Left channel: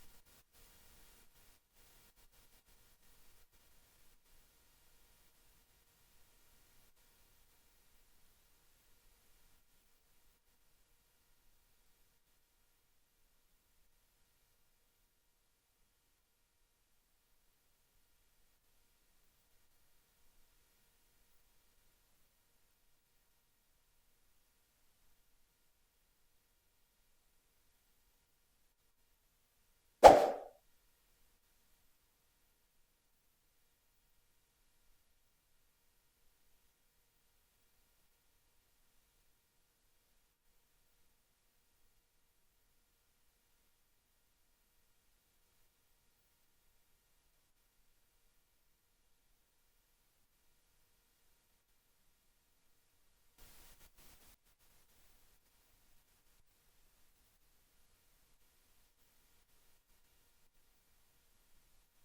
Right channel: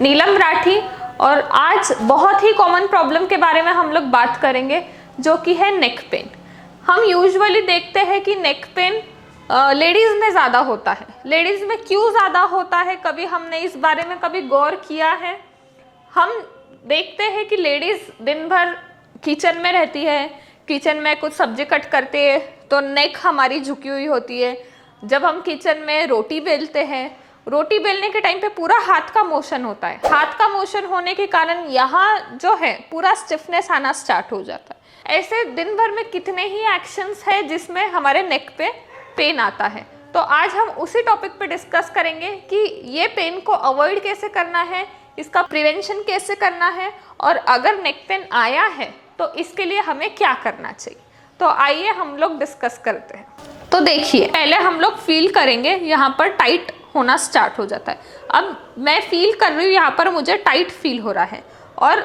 नीलम राठी और आज बहुत ही कॉमन प्रॉब्लम के बारे में हम लोग बात करेंगे जो कि है नेक पेन। हम यूजुअली देखते हैं कि नेक पेन लेडीज में ज़्यादा होता है। लेडीज में क्यों ज़्यादा होता है, कभी हमने इस बारे में कभी गौर किया है? हम देखते हैं कि लेडीज दिन भर किचन में रहती है, किचन में कुछ सब्जी कट करती है तो नेक हमारी झुकी हुई होती है। जब हम किचन में रोटी बेलते हैं, रोटी बेलने के टाइम पे पूरा हाथ का मोशन होता है। हाथ का मोशन होने के कारण यहाँ जो है पूरा स्टिफनेस आना स्टार्ट हो जाता है। ऐसे दिन भर में कितने ही एक्शंस है जिसमें हमारे नेक पे पेन आता है। तो आज हम उसी टॉपिक पे डिस्कस करेंगे कि ये पेन को अवॉइड कैसे करना है, इसका प्रिवेंशन कैसे करना है, और अगर नेक पेन आया है तो इसके लिए हमें क्या करना चाहिए। तो आइए हम लोग डिस्कस करते हैं। तो देखिए, पहले हम लोग फील करेंगे यहाँ पर टाइट होना स्टार्ट हो जाता है। अब मैं फील कर रही हूँ यहाँ पर मुझे टाइट फील हो रहा है, और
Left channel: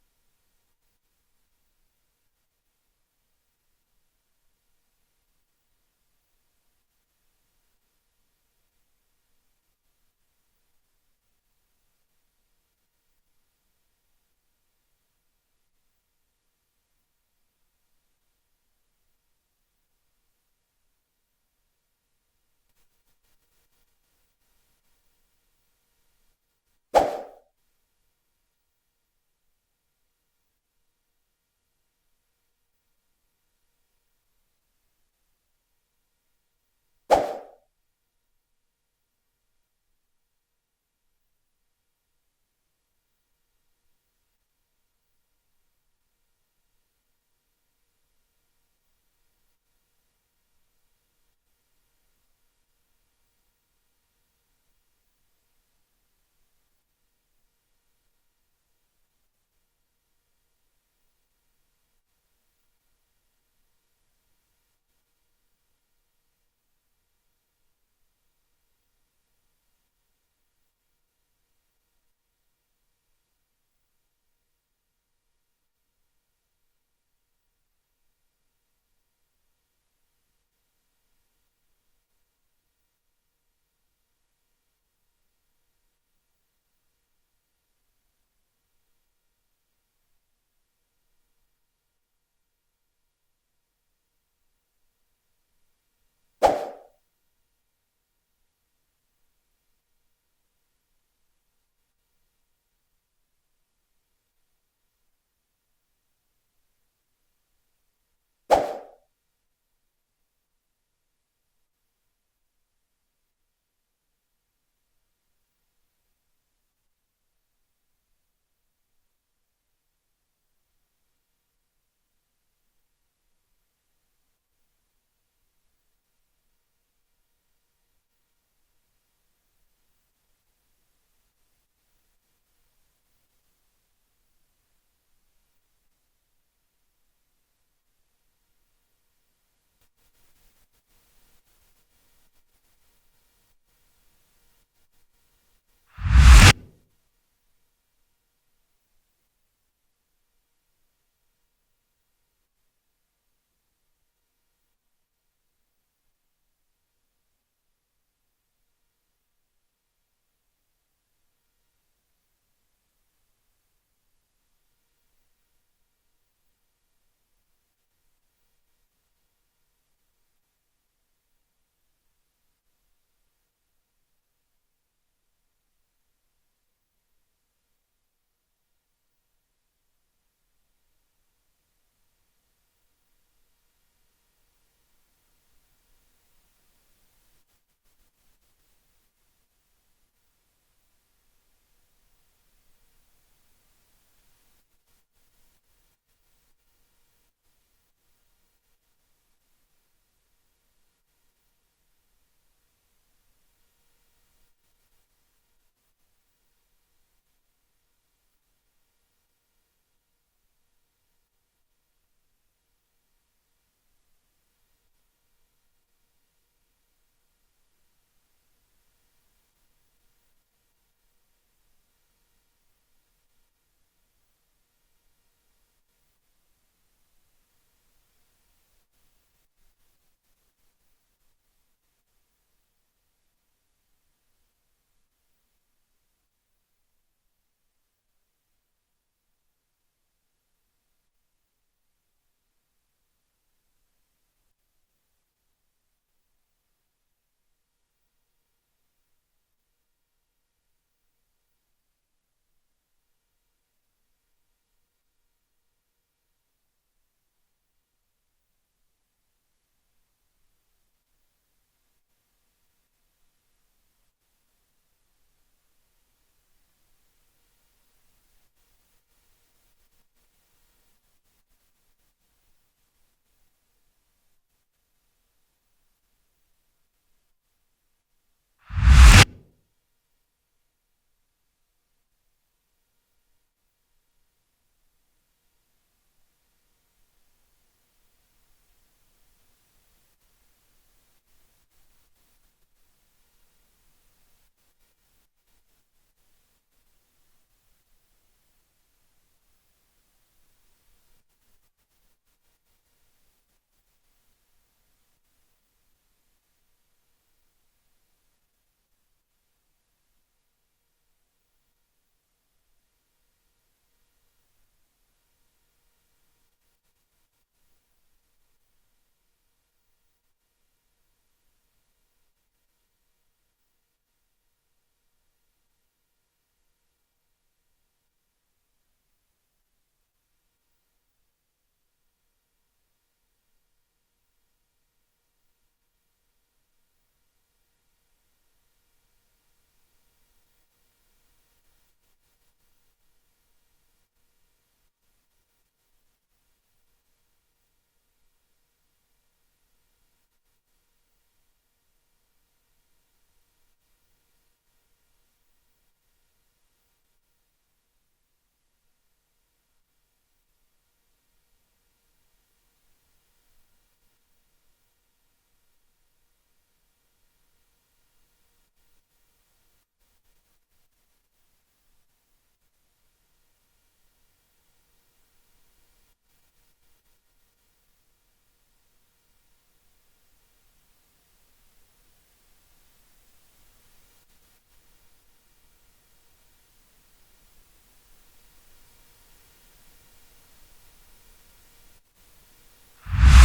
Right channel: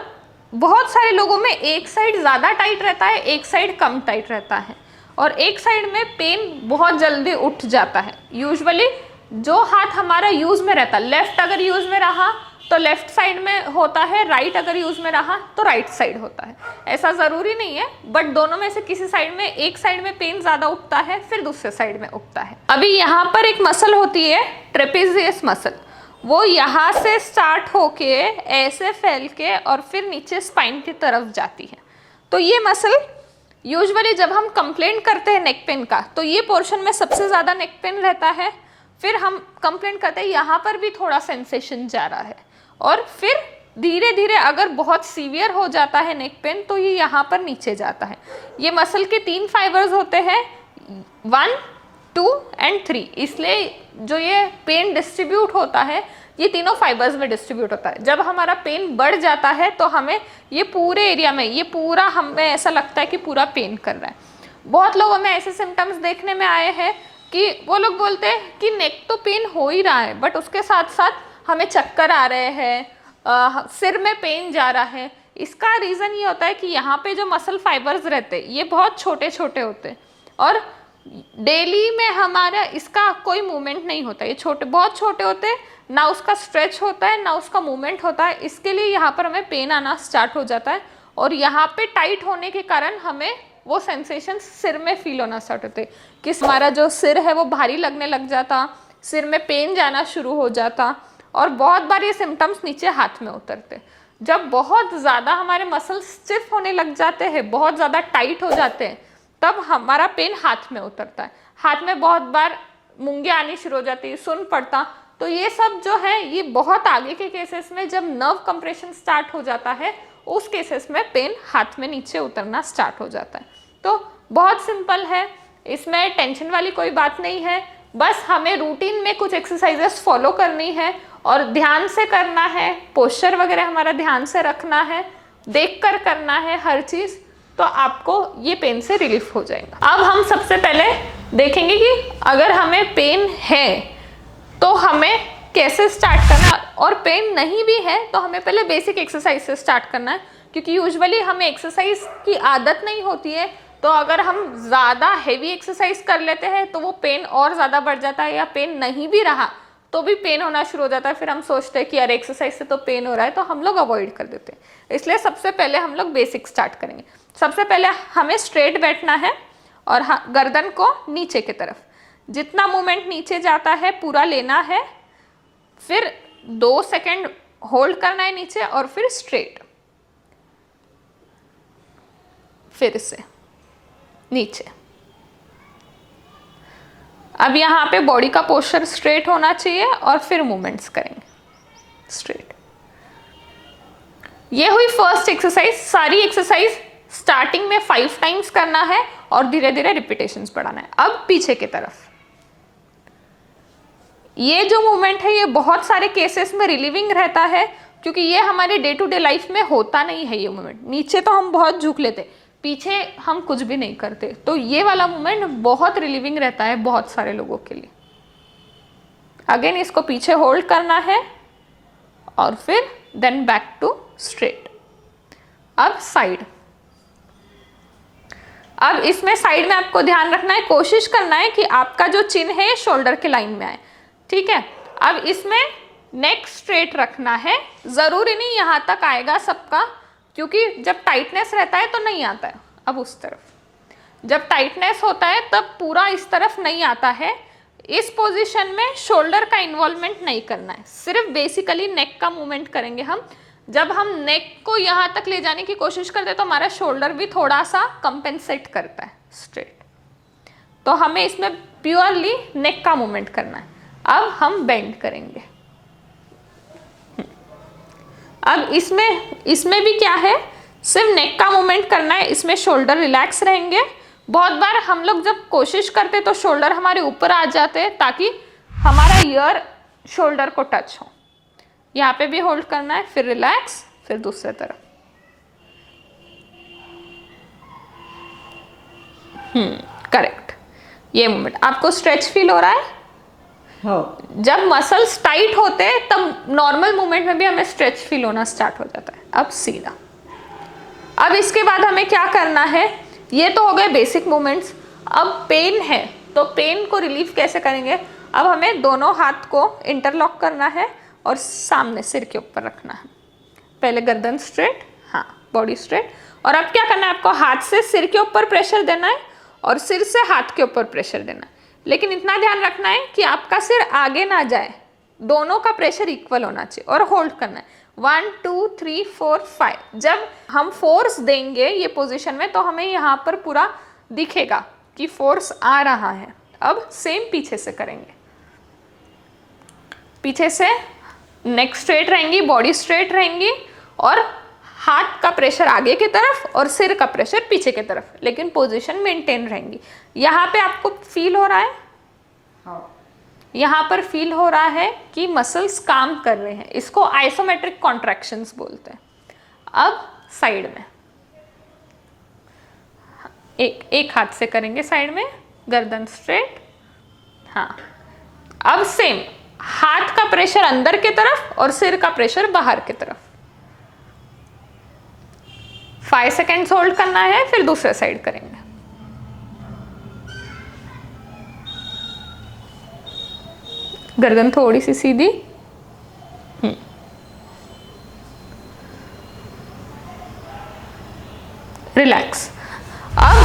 बहुत सारे लोगों में एक साइड ज़्यादा टाइट रहता है, एक साइड कम टाइट रहता है, और एक साइड में पेन बहुत जल्दी उठ जाता है। यूजुअली जो हाथ हमारा यूज़ में रहता है, लेफ्ट अगर यूज़ में रहा तो लेफ्ट साइड में होता है, राइट अगर यूज़ में रहा तो राइट साइड होता है। ऐसा ज़रूरी नहीं है, बट दोनों में से किसी साइड में, एक साइड में पेन ज़्यादा उठता है, फिर दूसरे साइड में उठता है। अभी यहाँ पर एक मसल होती है ट्रेपेजियस मसल, वो यहाँ से स्टार्ट होके ऐसे फैल के और फिर नीचे स्पाइन की तरफ जाती है। तो ये मसल यूजुअली जब हम कंप्लेंट करते हैं नेक पेन का, तो ये पोर्शन में सबसे ज़्यादा नेक पेन रहता है। फिर हम कंप्लेंट करते हैं यहाँ पर भी थोड़ा सेंसेशन जा रहा है, और फिर धीरे धीरे अगर बहुत सीवियर हो जाता है नेक पेन तो ये यहाँ पर नीचे जाता है। ये मसल के 3 फाइबर्स होते हैं, 1, 2 एंड 3। इसलिए जो ये पेन डिस्ट्रीब्यूट होता है ये तीनों फाइबर्स में डिस्ट्रीब्यूट होता है। जब हमारा पेन बढ़ जाता है तो हमें ये पूरे एरिया में, ये पूरा हमें ऐसा लगता है कि पूरा पेन कर रहा है। बहुत लोगों में ऐसे सिम्टम्स देखने में आए हैं कि वो लोग बोलते हैं कि नेक तो पेन हो ही रहा है, बट उसके साथ साथ हमें चक्कर आ रहे हैं, सिर में पेन जा रहा है। इसका रीज़न ये होता है कि यहाँ पे जो मसल फाइबर्स रहते हैं ये बहुत छोटे छोटे होते हैं, और डेली में हमारा इसका कोई मूवमेंट नहीं होता। ये छोटे, बहुत छोटे होते हैं, ना उसका स्ट्रेच होता है ना उसका मूवमेंट होता है। इसके लिए यहाँ पर हमें पेन आना स्टार्ट हो जाता है, और यहाँ पे टाइट होने के कारण हमें वो सेंसेशन सिर में फील होना स्टार्ट होते हैं कि हमारा जो सिर है वो भारी लगने लग जाता, सिर में पेन जाना शुरू हो जाता, और बहुत बार ये सिम्टम्स नीचे हाथ में उतरते। जब बहुत ज़्यादा हमारे मसल्स स्टिफ होने लग जाते हैं, बहुत ज़्यादा टाइट हो जाते हैं, तब हमारा पेन हाथ में उतरता है। हाथ में बहुत बार मूंगे आनी शुरू हो जाती है, सुन पड़ता। तो ये सब जो है ये बहुत आगे के केसेस में, जब नर्व कंप्रेशन स्टार्ट हो जाता है, उस केसेस में पेन हाथ में नीचे उतरना स्टार्ट हो जाता है। तो बहुत सिंपल है, इसमें टेंशन वाली कोई बात नहीं है। बस हमें रूटीन में कुछ एक्सरसाइजेस फॉलो करनी है, और ध्यान से करना है, पोस्चर वगैरह हमारा ध्यान से रखना है, देख कर करना है हर चीज़, तो आपको ये पेन से रिलीफ हो जाएगा। अब हम सबसे पहले देखेंगे कि अगर हमें पेन है तो हमें कैसे स्टार्ट करना, और पेन नहीं भी है तो हमें पहले बेसिक एक्सरसाइज से स्टार्ट करना है, क्योंकि यूजुअली हमें एक्सरसाइज की आदत नहीं होती है। तो अगर हम ज़्यादा हेवी एक्सरसाइज कर लेते हैं तो वो पेन और ज़्यादा बढ़ जाता है, या पेन नहीं भी रहा तो भी पेन होना शुरू हो जाता है। फिर हम सोचते हैं कि यार एक्सरसाइज से तो पेन हो रहा है, तो हम लोग अवॉइड कर देते हैं। इसलिए सबसे पहले हम लोग बेसिक स्टार्ट करेंगे। सबसे पहले हमें स्ट्रेट बैठना है, और गर्दन को नीचे की तरफ, जितना मूवमेंट नीचे जाता है पूरा लेना है, फिर 2 सेकेंड होल्ड करना है नीचे, और फिर स्ट्रेट, फिर से नीचे। अब यहाँ पे बॉडी का पोस्चर स्ट्रेट होना चाहिए, और फिर मूवमेंट्स करेंगे स्ट्रेट। ये हुई फर्स्ट एक्सरसाइज। सारी एक्सरसाइज स्टार्टिंग में 5 टाइम्स करना है, और धीरे धीरे रिपीटेशंस बढ़ाना है। अब पीछे की तरफ, ये जो मूवमेंट है ये बहुत सारे केसेस में रिलीविंग रहता है, क्योंकि ये हमारे डे टू डे लाइफ में होता नहीं है। ये मूवमेंट नीचे तो हम बहुत झुक लेते, पीछे हम कुछ भी नहीं करते, तो ये वाला मूवमेंट बहुत रिलीविंग रहता है बहुत सारे लोगों के लिए। अगेन इसको पीछे होल्ड करना है, और फिर देन बैक टू स्ट्रेट। अब साइड। अब इसमें साइड में आपको ध्यान रखना है, कोशिश करना है कि आपका जो चिन है शोल्डर के लाइन में आए, ठीक है। अब इसमें नेक स्ट्रेट रखना है। जरूरी नहीं यहाँ तक आएगा सबका, क्योंकि जब टाइटनेस रहता है तो नहीं आता है। अब उस तरफ जब टाइटनेस होता है तब पूरा इस तरफ नहीं आता है। इस पोजीशन में शोल्डर का इन्वॉल्वमेंट नहीं करना है, सिर्फ बेसिकली नेक का मूवमेंट करेंगे हम। जब हम नेक को यहाँ तक ले जाने की कोशिश करते हैं तो हमारा शोल्डर भी थोड़ा सा कंपेंसेट करता है स्ट्रेट, तो हमें इसमें प्योरली नेक का मूवमेंट करना है। अब हम बेंड करेंगे। अब इसमें भी क्या है, सिर्फ नेक का मूवमेंट करना है, इसमें शोल्डर रिलैक्स रहेंगे। बहुत बार हम लोग जब कोशिश करते तो शोल्डर हमारे ऊपर आ जाते हैं ताकि हमारा ईयर शोल्डर को टच हो। यहाँ पे भी होल्ड करना है, फिर रिलैक्स, फिर दूसरे तरफ। करेक्ट। ये मूवमेंट आपको स्ट्रेच फील हो रहा है? जब मसल्स टाइट होते हैं तब नॉर्मल मूवमेंट में भी हमें स्ट्रेच फील होना स्टार्ट हो जाता है। अब सीधा। अब इसके बाद हमें क्या करना है, ये तो हो गए बेसिक मूवमेंट्स। अब पेन है तो पेन को रिलीव कैसे करेंगे। अब हमें दोनों हाथ को इंटरलॉक करना है और सामने सिर के ऊपर रखना है। पहले गर्दन स्ट्रेट, हाँ बॉडी स्ट्रेट। और अब क्या करना है, आपको हाथ से सिर के ऊपर प्रेशर देना है और सिर से हाथ के ऊपर प्रेशर देना है। लेकिन इतना ध्यान रखना है कि आपका सिर आगे ना जाए, दोनों का प्रेशर इक्वल होना चाहिए। और होल्ड करना है 1 2 3 4 5। जब हम फोर्स देंगे ये पोजीशन में तो हमें यहाँ पर पूरा दिखेगा कि फोर्स आ रहा है। अब सेम पीछे से करेंगे। पीछे से नेक स्ट्रेट रहेंगी, बॉडी स्ट्रेट रहेंगी और हाथ का प्रेशर आगे की तरफ और सिर का प्रेशर पीछे की तरफ, लेकिन पोजीशन मेंटेन रहेंगी। यहाँ पे आपको फील हो रहा है, यहाँ पर फील हो रहा है कि मसल्स काम कर रहे हैं। इसको आइसोमेट्रिक कॉन्ट्रैक्शंस बोलते हैं। अब साइड में एक हाथ से करेंगे, साइड में गर्दन स्ट्रेट, हाँ। अब सेम हाथ का प्रेशर अंदर की तरफ और सिर का प्रेशर बाहर की तरफ। 5 सेकेंड्स होल्ड करना है, फिर दूसरे साइड करेंगे। गर्दन थोड़ी सी सीधी, रिलैक्स। अब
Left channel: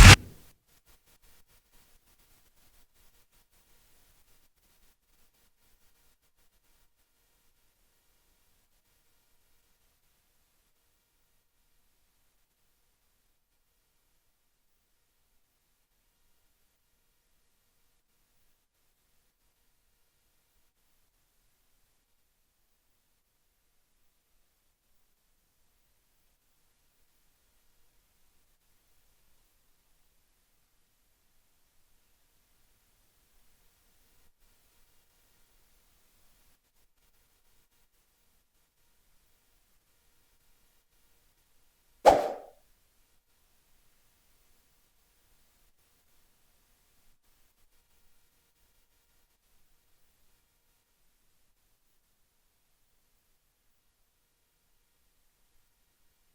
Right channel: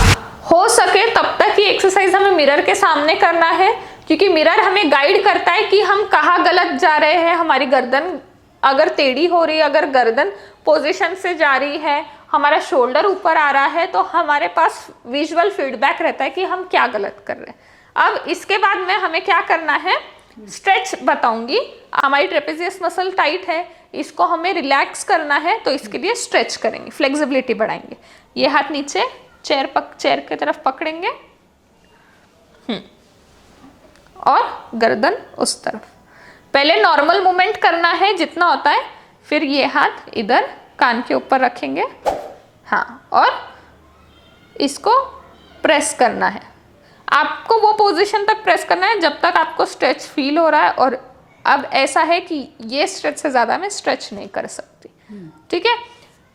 हो सके तब तक ये एक्सरसाइज हमें मिरर के सामने करना है, क्योंकि मिरर हमें गाइड करता है कि हम कहाँ गलत जा रहे हैं। हमारी गर्दन अगर टेढ़ी हो रही है, अगर गर्दन पोजीशन से जा रही है, हमारा शोल्डर ऊपर आ रहा है, तो हमारे पास विजुअल फीडबैक रहता है कि हम क्या गलत कर रहे हैं। अब इसके बाद में हमें क्या करना है, स्ट्रेच बताऊंगी। हमारी ट्रेपेजियस मसल टाइट है, इसको हमें रिलैक्स करना है, तो इसके लिए स्ट्रेच करेंगे, फ्लेक्सिबिलिटी बढ़ाएंगे। ये हाथ नीचे चेयर की तरफ पकड़ेंगे और गर्दन उस तरफ। पहले नॉर्मल मूवमेंट करना है जितना होता है, फिर ये हाथ इधर कान के ऊपर रखेंगे, हाँ, और इसको प्रेस करना है। आपको वो पोजीशन तक प्रेस करना है जब तक आपको स्ट्रेच फील हो रहा है। और अब ऐसा है कि ये स्ट्रेच से ज़्यादा मैं स्ट्रेच नहीं कर सकती, ठीक है।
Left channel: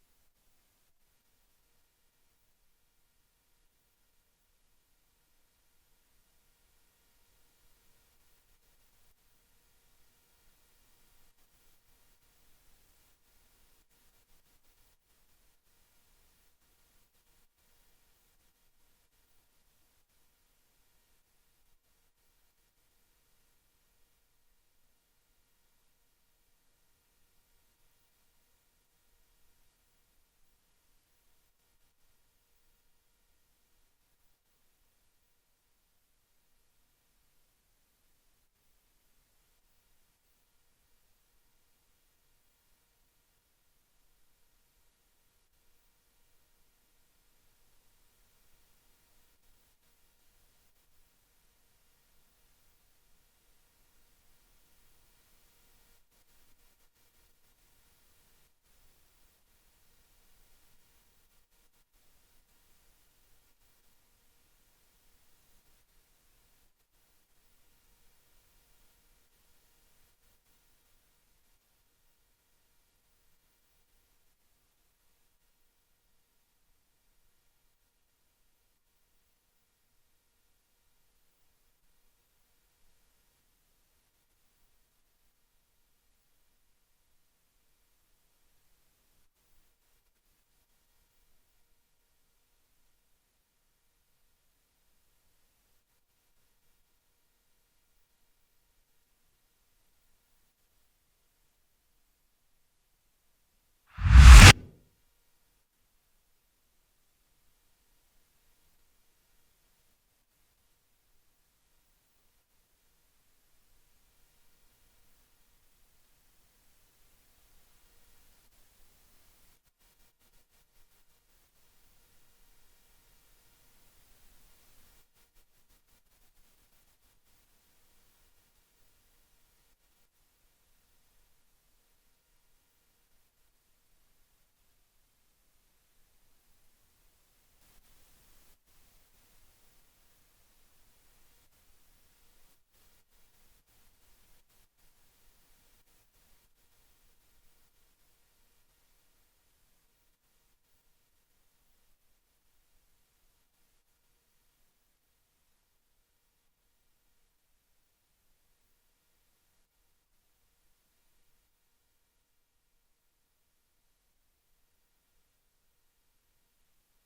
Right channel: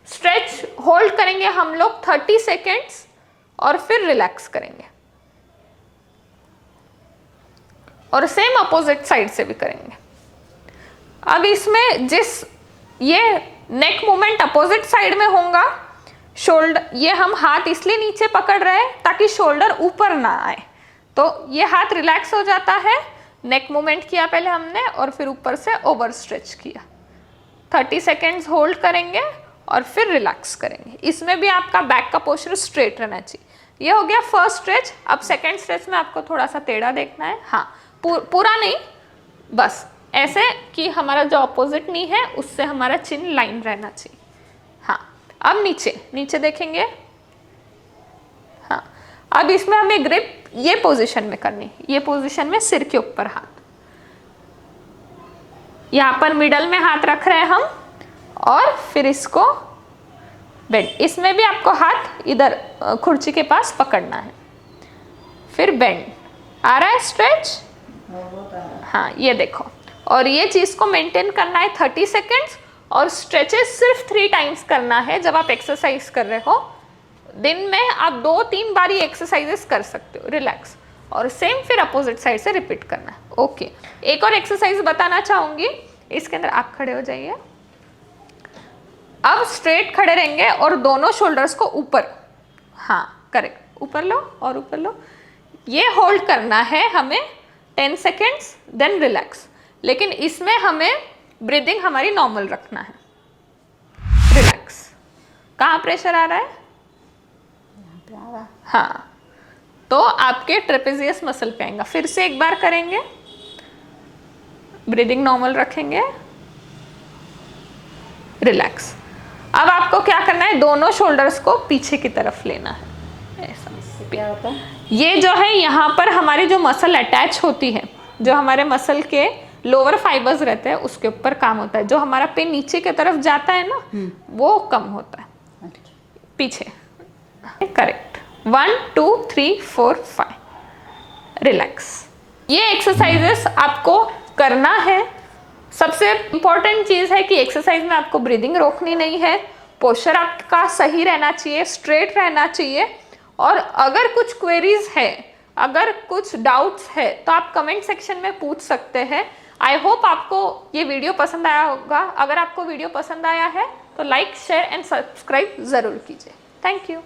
स्ट्रेच होल्ड करेंगे हम लोग 30 सेकेंड्स और फिर रिलैक्स करेंगे। और सेम अपोजिट साइड से भी करेंगे। अब इसमें ये नेक मूवमेंट अपोजिट साइड में होगा। शोल्डर, ये हम हाथ इसलिए नीचे पकड़ रहे हैं ताकि शोल्डर ऊपर ना आए, तो ये हाथ रिलैक्स हो जाता है। नेक मूवमेंट किया पहले हमने और फिर ऊपर से ओवर स्ट्रेच किया। 30 सेकेंड्स होल्ड करेंगे और फिर रिलैक्स करेंगे। इसमें भी आपका बैक का पोस्चर स्ट्रेट रहना चाहिए। ये हो गया फर्स्ट स्ट्रेच। अब सेकेंड स्ट्रेच में आपको थोड़ा सा टेढ़ा देखना है, हाँ, पूरा नहीं, बस ऐसे कि हमारा जो अपोजिट नी है उससे हमारा चिन लाइन रहना चाहिए, हाँ। अब नीचे देखेंगे, हाँ। अब इसमें हमें ग्रिप ये पोजीशन में करनी है, ये पोजीशन में सिर के ऊपर हाथ, यहाँ पर मिडल में हाथ रख रहे हैं हम और फिर इसको बेंड। इसमें भी आपको हाथ इधर कुर्सी के पास पकड़ना है, फिर बेंड। आ रहा है स्ट्रेच, हाँ, ये देखो। और ये चीज़ को मेंटेन करना है 30 सेकेंड्स और स्ट्रेचेस सिर्फ 3 टाइम्स करना है। जब आप एक्सरसाइज कर रहे हो दिन में आप 2-3 बार ये एक्सरसाइजेस कर सकते हो, रिलैक्स। और सेम फिर अपोजिट साइड से रिपीट करना है, ओके। एक और एक्सरसाइज बताना चाहूँगी, इसके अंदर आप खड़े हो जाइए। अब स्ट्रेट खड़े रहेंगे और दोनों शोल्डर्स को ऊपर, हाँ करेक्ट, ऊपर लो और ऊपर लो। ये होल्ड करना है हमें 10 सेकेंड्स, देन रिलैक्स। लेकिन इसमें हमें ब्रीदिंग हमारी नॉर्मल रखना है। रिलैक्स। कहाँ प्रेशर आ रहा है? हाँ, तो आपके ट्रेपेजियस मसल पे आएगा। फिर से एक बार करेंगे, ब्रीदिंग नॉर्मल रखेंगे, रिलैक्स। अब आपको क्या करना है, दोनों शोल्डर्स को पीछे की तरफ लेना है, ऐसा। क्या होता है? ये जो है यहाँ पर हमारी जो मसल अटैच होती है, जो हमारे मसल के लोअर फाइबर्स रहते हैं उसके ऊपर काम होता है। जो हमारा पेन नीचे की तरफ जाता है ना, वो कम होता है। पीछे, करेक्ट। 1 2 3 4 5, रिलैक्स। ये एक्सरसाइजेस आपको करना है। सबसे इंपॉर्टेंट चीज़ है कि एक्सरसाइज में आपको ब्रीदिंग रोकनी नहीं है, पोस्चर आपका सही रहना चाहिए, स्ट्रेट रहना चाहिए। और अगर कुछ क्वेरीज है, अगर कुछ डाउट्स है, तो आप कमेंट सेक्शन में पूछ सकते हैं। आई होप आपको ये वीडियो पसंद आया होगा। अगर आपको वीडियो पसंद आया है तो लाइक, शेयर एंड सब्सक्राइब ज़रूर कीजिए। Thank you.